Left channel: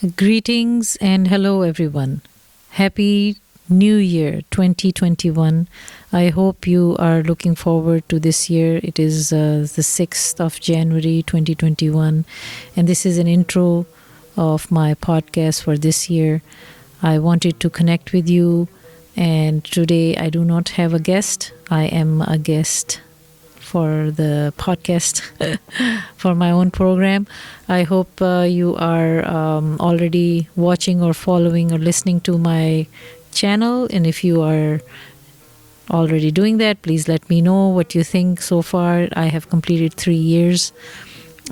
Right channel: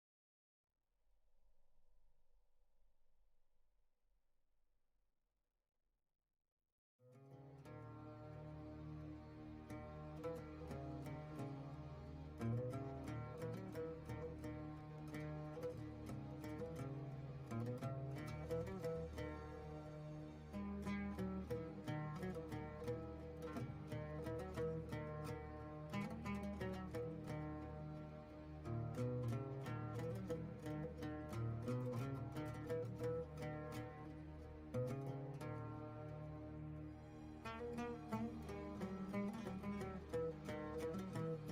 Greetings and hello, everyone. Happy New Year 2021. I hope you are looking forward to this year. It is the 6th of January 2021, and this is an intro of my podcast for this year. I wanted to connect with you, and today I do not have a guest. I am a guest for the podcast for my own program. I hope you are already watching or following or listening to my channel. And if you are already doing that, please let me know what you think so far. I have completed 3 years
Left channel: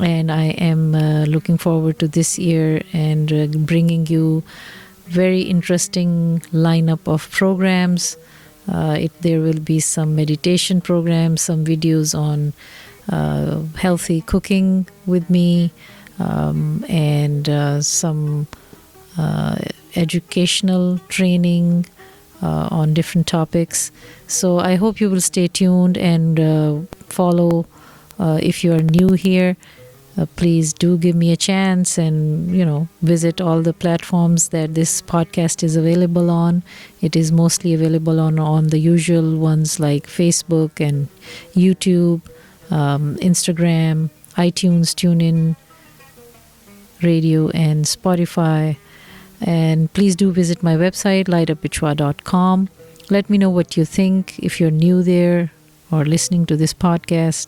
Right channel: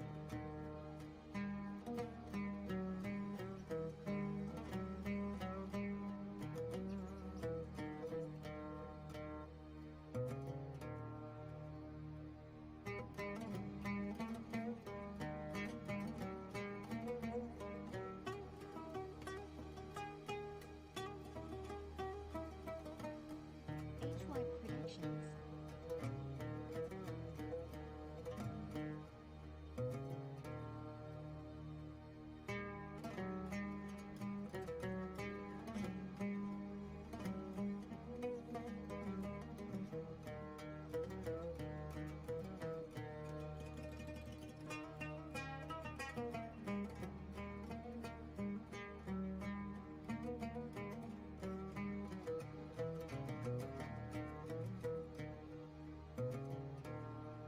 and I am looking forward to this year and bringing you very interesting lineup of programs. There will be some meditation programs, some videos on healthy cooking with me, and some educational training on different topics. So I hope you will stay tuned and follow. If you are new here, please do give me a chance and visit all the platforms that this podcast is available on. It is mostly available on the usual ones like Facebook and YouTube, Instagram, iTunes, TuneIn Radio, and Spotify. And please do visit my website, LightupwithShua.com. Let me know what you think if you're new there or listening to this podcast.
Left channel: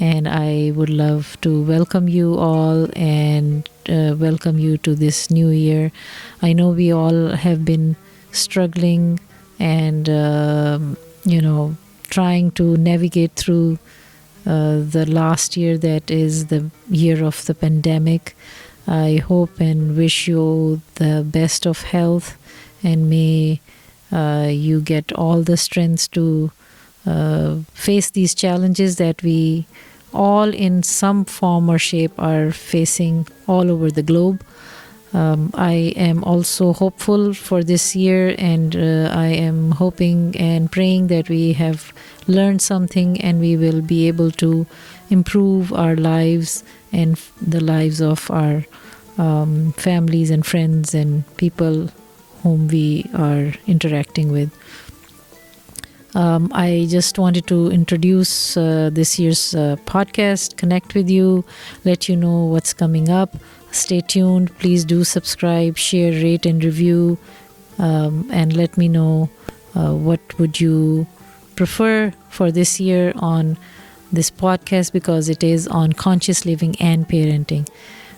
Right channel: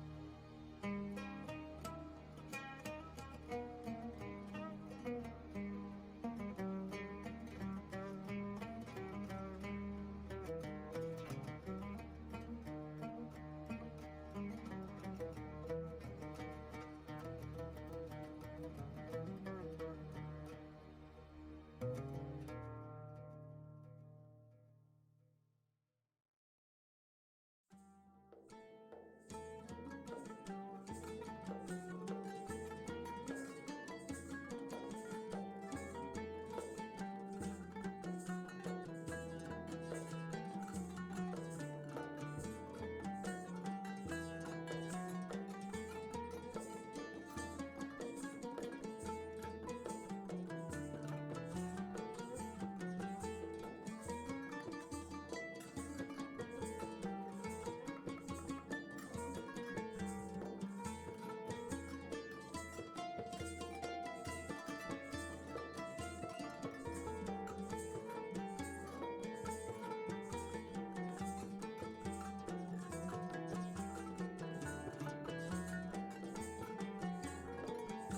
And I would love to welcome you all and welcome you to this new year. I know we all have been struggling and, trying to navigate through the last year that is the year of the pandemic. I hope and wish you the best of health, and may you get all the strength to face these challenges that we all in some form or shape are facing all over the globe. I am also hopeful for this year, and I am hoping and praying that we have learned something and we will be able to improve our lives and the lives of our families and friends and people whom we are interacting with. I just wanted to introduce this year's podcast, connect with you, let you know what's coming up. Stay tuned. Please do subscribe, share, rate, and review, and let me know what would you prefer for this year on this podcast, because it is on conscious living and parenting.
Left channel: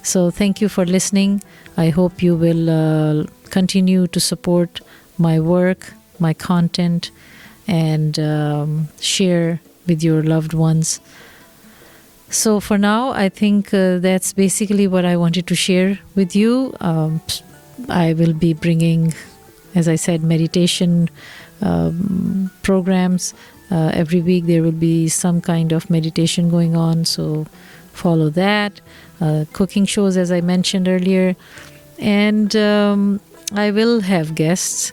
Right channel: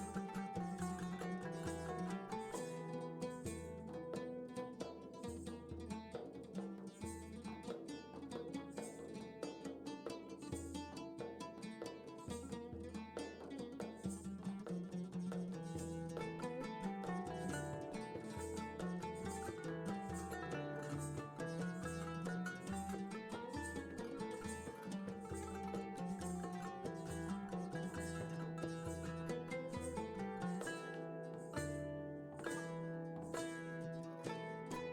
So thank you for listening. I hope you will continue to support my work, my content, and share with your loved ones. So for now, I think that's basically what I wanted to share with you. I will be bringing, as I said, meditation programs. Every week there will be some kind of meditation going on, so follow that. Cooking shows, as I mentioned earlier. And I will have guests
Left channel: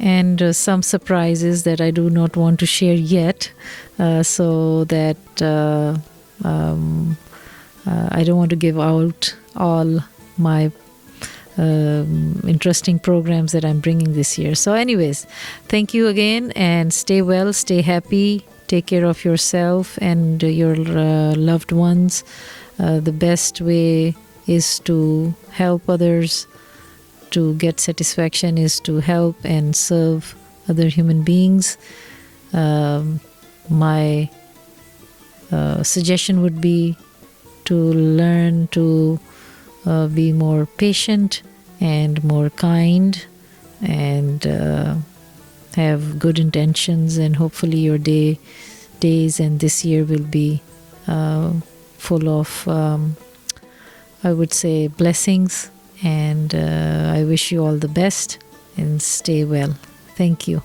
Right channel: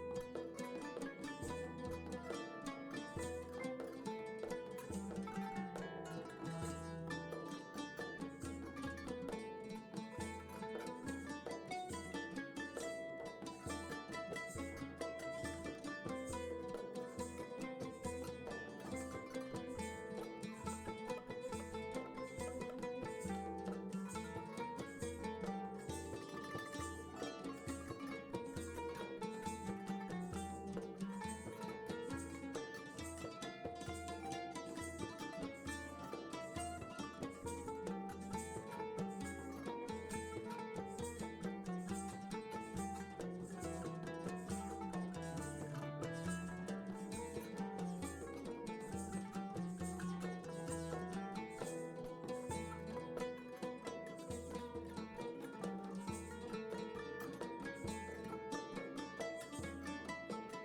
and some surprises that I do not want to share yet, so that I don't want to give out all my interesting programs that I'm bringing this year. So anyways, thank you again, and stay well, stay happy, take care of yourself and your loved ones. The best way is to help others. To get satisfaction is to help and serve other human beings. My suggestion would be to learn to be more patient and more kind, and have good intentions, and hopefully your days and this year will be full of I would say blessings, and I wish you all the best and stay well. Thank you.